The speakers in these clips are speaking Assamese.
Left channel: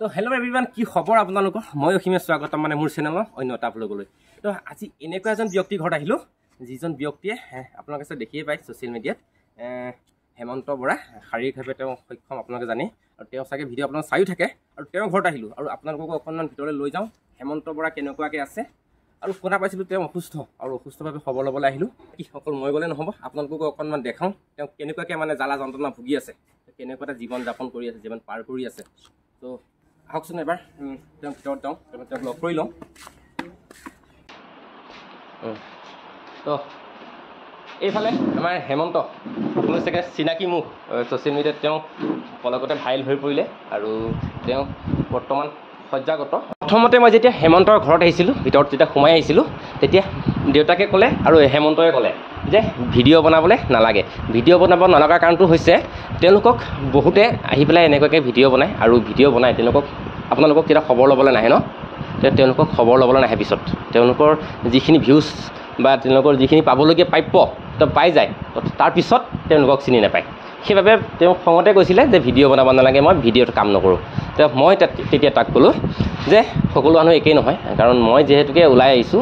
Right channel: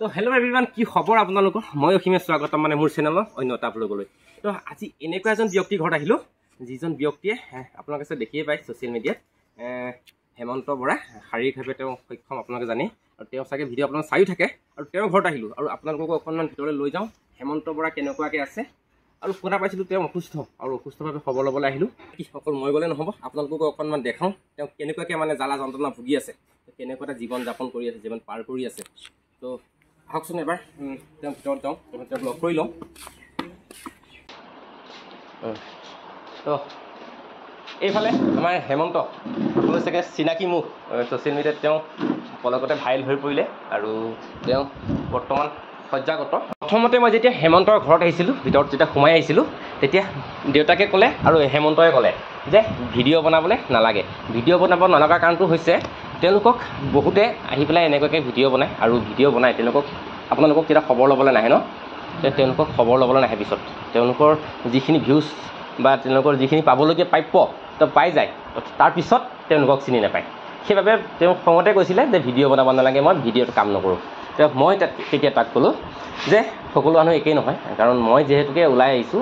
তো হেল্ল' এভৰিৱান, কি খবৰ আপোনালোকৰ? মই অসীমে স্বাগতম মানে মোৰ চেনেলৰ অন্য এটা ব্লগলৈ। তো আজি এনেকুৱা এজন ব্যক্তিৰ ঘৰত আহিলোঁ, যিজন ব্যক্তিয়ে আপোনালোকে চাই দেখিয়ে পায় ছ'চিয়েল মিডিয়াত হেমন্ত বৰা শাৰীৰিকভাৱে তেওঁ সক্ষম, আপোনালোকে জানে। আৰু তেওঁ চাগে ভিডিঅ' আপোনালোকে চায়ো থাকে। আৰু তেওঁৰ ঘৰত আহিলোঁ আৰু আপোনালোককো অকণমান ভিতৰলৈ লৈ যাওঁ, হেমন্ত বৰা কেনেকুৱাকৈ আছে। আৰু শুনা পাইছিলোঁ তেওঁ অসুস্থ, আৰু অসুস্থভাৱে খবৰ ল'বলৈ আহিলোঁ। কি অকল মই গ'লে নহ'ব, আপোনালোককো অকণমান দেখাওঁ তেওঁ কেনেকুৱাকৈ মানে জ্বালা যন্ত্ৰণা ভুগি আছে, কেনেকুৱা এটা জীৱন যাপন কৰি আছে, জীৱন পাৰ কৰি আছে। তো আহকচোন এবাৰ তেওঁ ভিতৰত যাওঁ, তেওঁক লগ কৰি লওঁ। তো এইফালে আমাৰ হেমন্ত, সকলোৱে চাগে চিনাকি মুখ, ছ'চিয়েল মিডিয়াত তেওঁ পলকতে ভাইৰেল হৈ পৰিলে আৰু তেওঁ বৰ্তমান সজ্জাগত। প্ৰথমতে মই যেতিয়া হেমন্তৰ ঘৰত আহিছিলোঁ, ভিতৰত যেতিয়া সোমাই আহিছিলোঁ, তেতিয়া দেউতাকে ক'লে আৰু হেমন্তই ক'লে যে ভিডিঅ' বনাবলৈ নালাগে। ভিডিঅ' বনাব নলগা কাৰণটো হৈছে তেওঁলোকক বহুতে আহি পেলাই এনেকুৱাকৈ ভিডিঅ' বনায়, আৰু ভিডিঅ' বনাই আপোনালোকক তেতিয়া খবৰ ল'বলৈ নাহে ন, তেওঁলোকক খবৰ ল'বলৈ নাহে। পিছত তেওঁলোকৰ যিখিনি ভিউজ বা তেওঁলোকৰ যিখিনি পাবলগীয়া প্ৰাপ্য পাই যায়, তাৰপিছত তেওঁলোকক চিনি নাপায়। সেইবাবে তেওঁ খঙতে কৈছিলে যে ভিডিঅ' বনাব নালাগে, মই ভিডিঅ'ত কাম নকৰোঁ। মই তেতিয়া তাক ক'লোঁ যে সকলো মানুহ একেই নহয়, কাৰণ মই যিহেতুকে ওলাই আহিছোঁ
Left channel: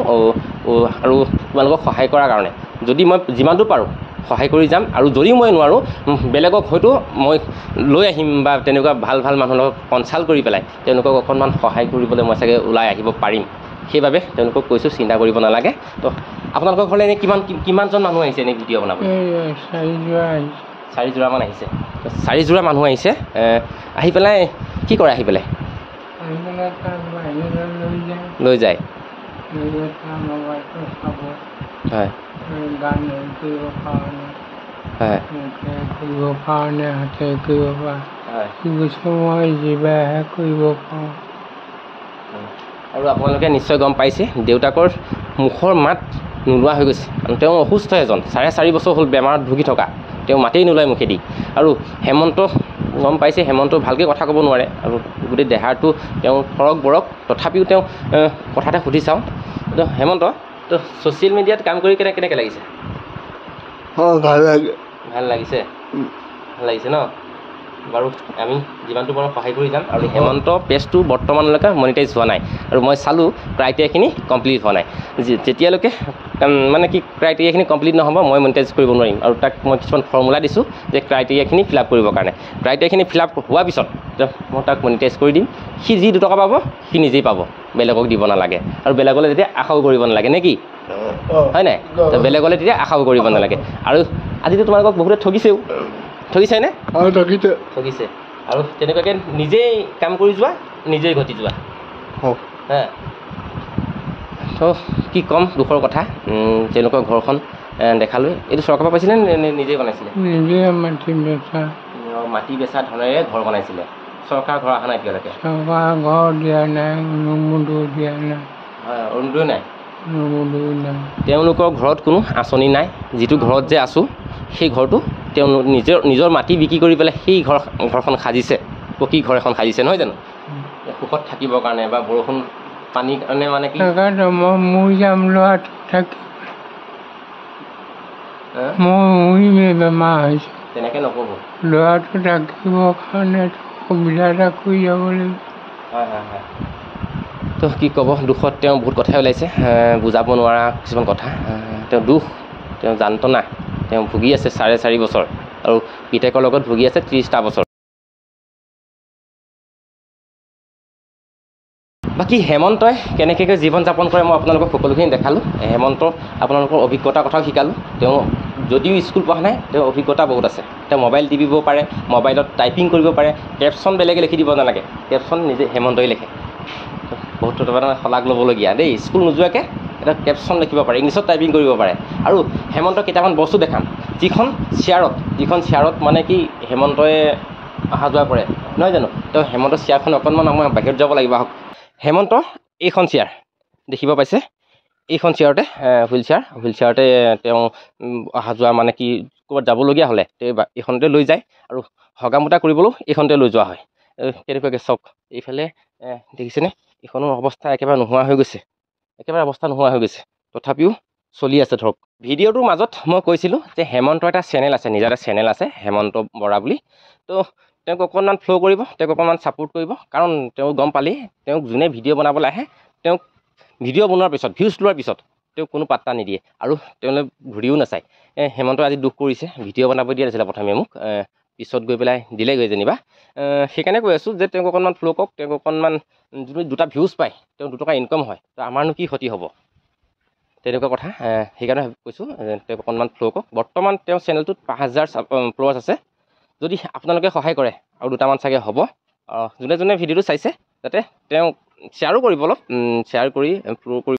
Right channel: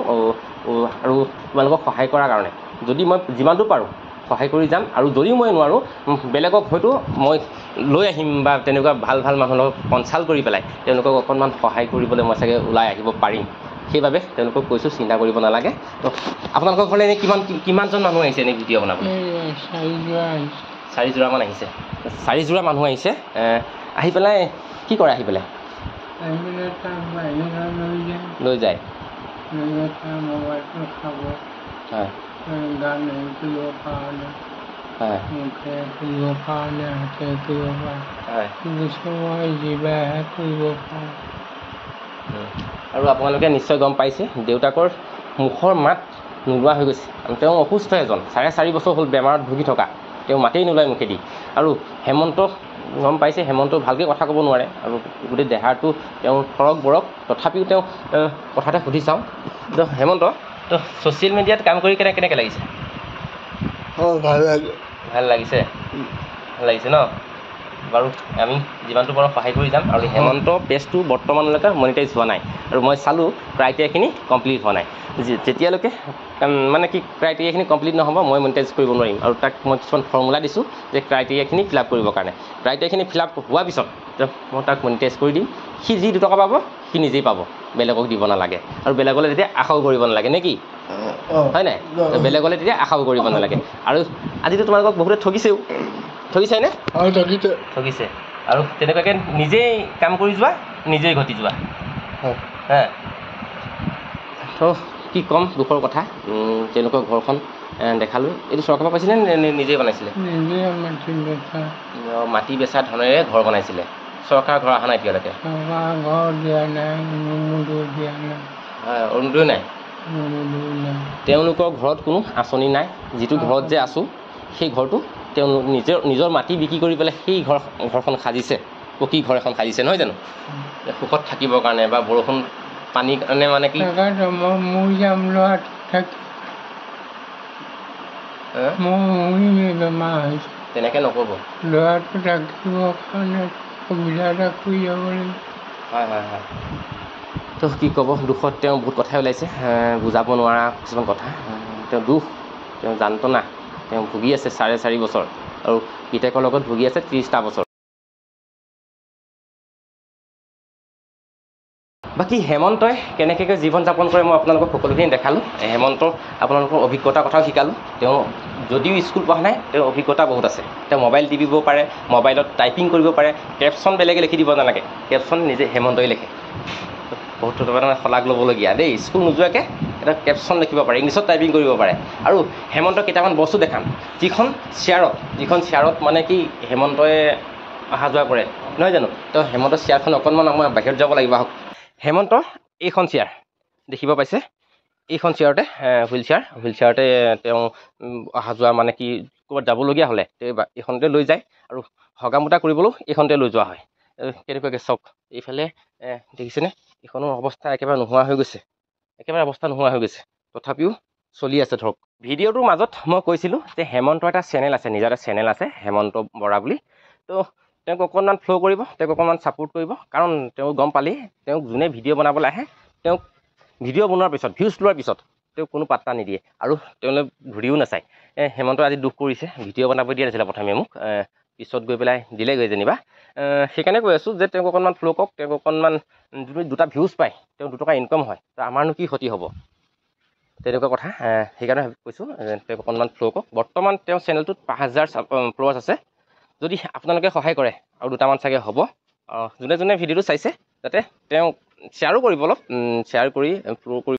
আৰু তোমালোকক সহায় কৰাৰ কাৰণে, যদি মই যিমানটো পাৰোঁ সহায় কৰি যাম। আৰু যদি মই নোৱাৰোঁ, বেলেগক হয়তো মই লৈ আহিম বা তেনেকুৱা ভাল ভাল মানুহৰ লগত কনচাল্ট কৰি পেলাই তেওঁলোকক অকণমান সহায় কৰিবলৈ মই চাগে ওলাই আহিব পাৰিম। সেইবাবে তেওঁলোকক কৈছোঁ চিন্তা কৰিব নালাগে। তো আপোনালোকৰ ঘৰলৈ এনেই কিমানজন মানুহ আহিছে এনেই ভিডিঅ' বনাবলৈ? 4যোৰামান আহিছে। 4যোৰা মানুহ আহিছে। আহি পেলাই কি কৰে? আহি পেলাই লৈ যায়, হয় গান কৰিব কাৰণে, মুখে কৰিব কাৰণে, হাতে কৰিব পাৰে, মই জিভাহে কৰিব পাৰোঁ। আৰু আপোনালোকে নিশ্চয় গম পাইছে, দেউতাকৰ মুখৰ মাত নোলোৱা হৈ গৈছে। তেওঁ অসুস্থ এজন, 4.5 বছৰ হ'ল বেমাৰত ভুগি থকা, তেওঁ মাতেই নোলায় মুখেদি। আৰু হেমন্ত গম পাইছে, হেমন্ত ভালকৈ কথা ক'ব নোৱাৰে, আৰু গোটেই দেহাটো তেওঁ ফৰক বৰক। তথাপিও তেওঁ কথা এটা সুধি চাওঁ। তো হেমন্ত, তো ছ'চিয়েল মিডিয়াত কাম কৰি কেনেকৈ লাগিছে? ভাল লাগে। ভাল লাগিছে? ভাল লাগিছে ন? বাৰু আমি যিমানটো পাৰোঁ সহায় কৰি যাম। আৰু হেমন্ত পেজটো বৰ্তমানলৈকে মনিটাইজ হোৱা নাই, আৰু মই চালোঁ ক্ৰাইটেৰিয়াখিনি কমপ্লিট হোৱা নাই। যেতিয়ালৈকে মানে কি ক্ৰাইটেৰিয়াখিনি কমপ্লিট নহ'ব, মই মনিটাইজ কৰিব নোৱাৰিম। আৰু তাক মই কিছুমান ফৰ্মুলা দিছোঁ যে ক্ৰাইটেৰিয়াখিনি ফিল আপ কৰিবৰ কাৰণে। ক্ৰাইটেৰিয়াখিনি ফিল আপ হোৱাৰ পিছত মই তাক মনিটাইজ কৰি দিম। সি যি 2 টকা পাব সি নিজেই পাব, বেলেগক দিব নালাগে। আৰু বেলেগলৈ তেতিয়া আশাও কৰিব নালাগে নে কি? হয় নাই? বেলেগলৈ তেতিয়া আশাও কৰিব নালাগে। আৰু আজিতো তোমালোকক বহুতে ঠগিছেনে? ঠগিছে। আৰু তেনেকুৱাকৈ নিজেই কাম কৰি যোৱা, নিজেই ঘটি যোৱা। তো কি ক'ম, দুখৰ কথা। তেওঁলোকৰ ঘৰখন দেখালৈ, এইটো চৰকাৰৰ পৰা পাইছিলে নে নিজেই বনাইছিলে? মাটি বেচা ধনেৰে ঘৰ বনাইছিলে। চৰকাৰ ঘৰ অহা নাই এতিয়ালৈকে? হয়, অৰুণোদয় নাই। তেওঁলোকৰ ঘৰত কোনো আঁচনি নাই। যিটো ঘৰত যে আছোঁ, সেই ঘৰটো তেওঁ নিজৰ মাটি বিক্ৰী কৰি পেলাই সেই ঘৰখন সাজিছে, পকী ঘৰ এখন সাজিছে, নহয় জানো? সুখত থাকিবৰ কাৰণে বা বৰষুণ পানীৰ কাৰণে মানে কি তেনেকৈ নক'ব। ল'ৰাটো থাকিবৰ কাৰণে সুবিধা এটা কৰি যাব লাগিব। হয়। তো কি ক'ব, দুখত তেওঁ বহুত কথাই ওলাইছে, বুজাব নোৱাৰা কিছুমান কথা। তেওঁ দুখ, তেওঁ যান্ত্ৰণা, তেওঁ ভুগি আছে 4.5 বছৰ, আৰু পিতেকৰ লগত ভুগি আছে 30টা বছৰ। বাকী হেমন্তই কেনেকৈ জীৱন যাপন কৰে মই আপোনালোকক সকলোখিনি দেখালোঁ। হেমন্ত আপোনালোকৰ অভিজ্ঞতাৰ কথাও শিকালোঁ। তেওঁ যদিও স্কুল পঢ়া নাই, তেওঁৰ অভিজ্ঞতা বহুত আছে। তেওঁ মোবাইল টিপিব পাৰে, মোবাইলত টাইপিং কৰিব পাৰে, কেপশ্যন বেলেগে লিখি দিব নালাগে, কেপশ্যন নিজে হেমন্তই লিখে। বহুত মানে শলাগ ল'বলগীয়া দেই। স্কুল নোযোৱাকৈ এটা কেপশ্যন লিখিব পাৰে, ইংলিছত টাইপিং কৰিব পাৰে। আৰু হেমন্তক কেইটামান বস্তু দেখাম, যিখন চেয়াৰত মানে কি হেমন্তই অহা যোৱা কৰে, নহয় জানো? তেওঁ হেমন্তৰ চেয়াৰখন অকণমান আমাৰ বাহিৰত যাব লাগিব। আহক। হেমন্ত এইখন চেয়াৰ দেখিব পাইছে, এইখন চেয়াৰতে হুইল চেয়াৰতে তেওঁ অহা যোৱা মানে কি ক'ৰবাত যাবলগীয়া হ'লে এইখনতে লৈ যায়, আৰু হগামোতা কৰিবলৈও এইখনতে লৈ যোৱা হয়। কেনেকুৱাকৈ চাওক, এইফালে দেখিছেনে? এইখনৰ অৱস্থা একেবাৰে নোহোৱা হৈ গৈছে, তথাপিও চলি আছে ধৰক। ভিডিঅ'টোৰ মাজত মই কৈছিলোঁ যে হেমন্তৰ এটা চেনেল আছে, নিজৰ এটা চেনেল আছে হেমন্ত বৰা বুলি। তো তেওঁক অকণমান ফ্ল' কৰিব, তেওঁক অকণমান ছাপোৰ্ট কৰিব, কাৰণ তেওঁ গম পালেই তেওঁক যোনে ভিডিঅ' বনাবলৈ আহে তেওঁক ভিডিঅ' বনোৱাৰ পিছত ভিউজ লোৱাৰ পিছত তেওঁক কোনো পাত্তা নিদিয়ে আৰু তেওঁলৈ ঘূৰিও নাচায়। হেমন্তই আজি দুখ কৰিছে, ভিডিঅ' বনাব দিয়া নাছিলে প্ৰথমে মোক, পিছত গৈ পেলাই দিলেগৈ যেনিবা। সেইকাৰণে কৈ আছোঁ যে তেওঁক অকণমান ফ্ল' কৰক, তেওঁক অকণমান যদি 2টা ভিউজ পায়, তেওঁ 2 টকা ইনকাম হয়, তো আমাৰনো কি ক্ষতি হ'ব, তেনেকুৱা কথা। সেইকাৰণে কৈছোঁ তেওঁক অকণমান ফ্ল' কৰক। বৰ্তমান তেওঁৰ চেনেলটোত 5000 ফলোৱাৰ্ছ আছে। যদি আপোনালোকে সহায় কৰে আৰু 2টামান চাগে হ'ব, যোনে যোনে ভিডিঅ'টো চাইছে যাতে তেওঁ শ্বেয়াৰো কৰিব, অলপ শ্বেয়াৰ কৰি ফ্ল' কৰি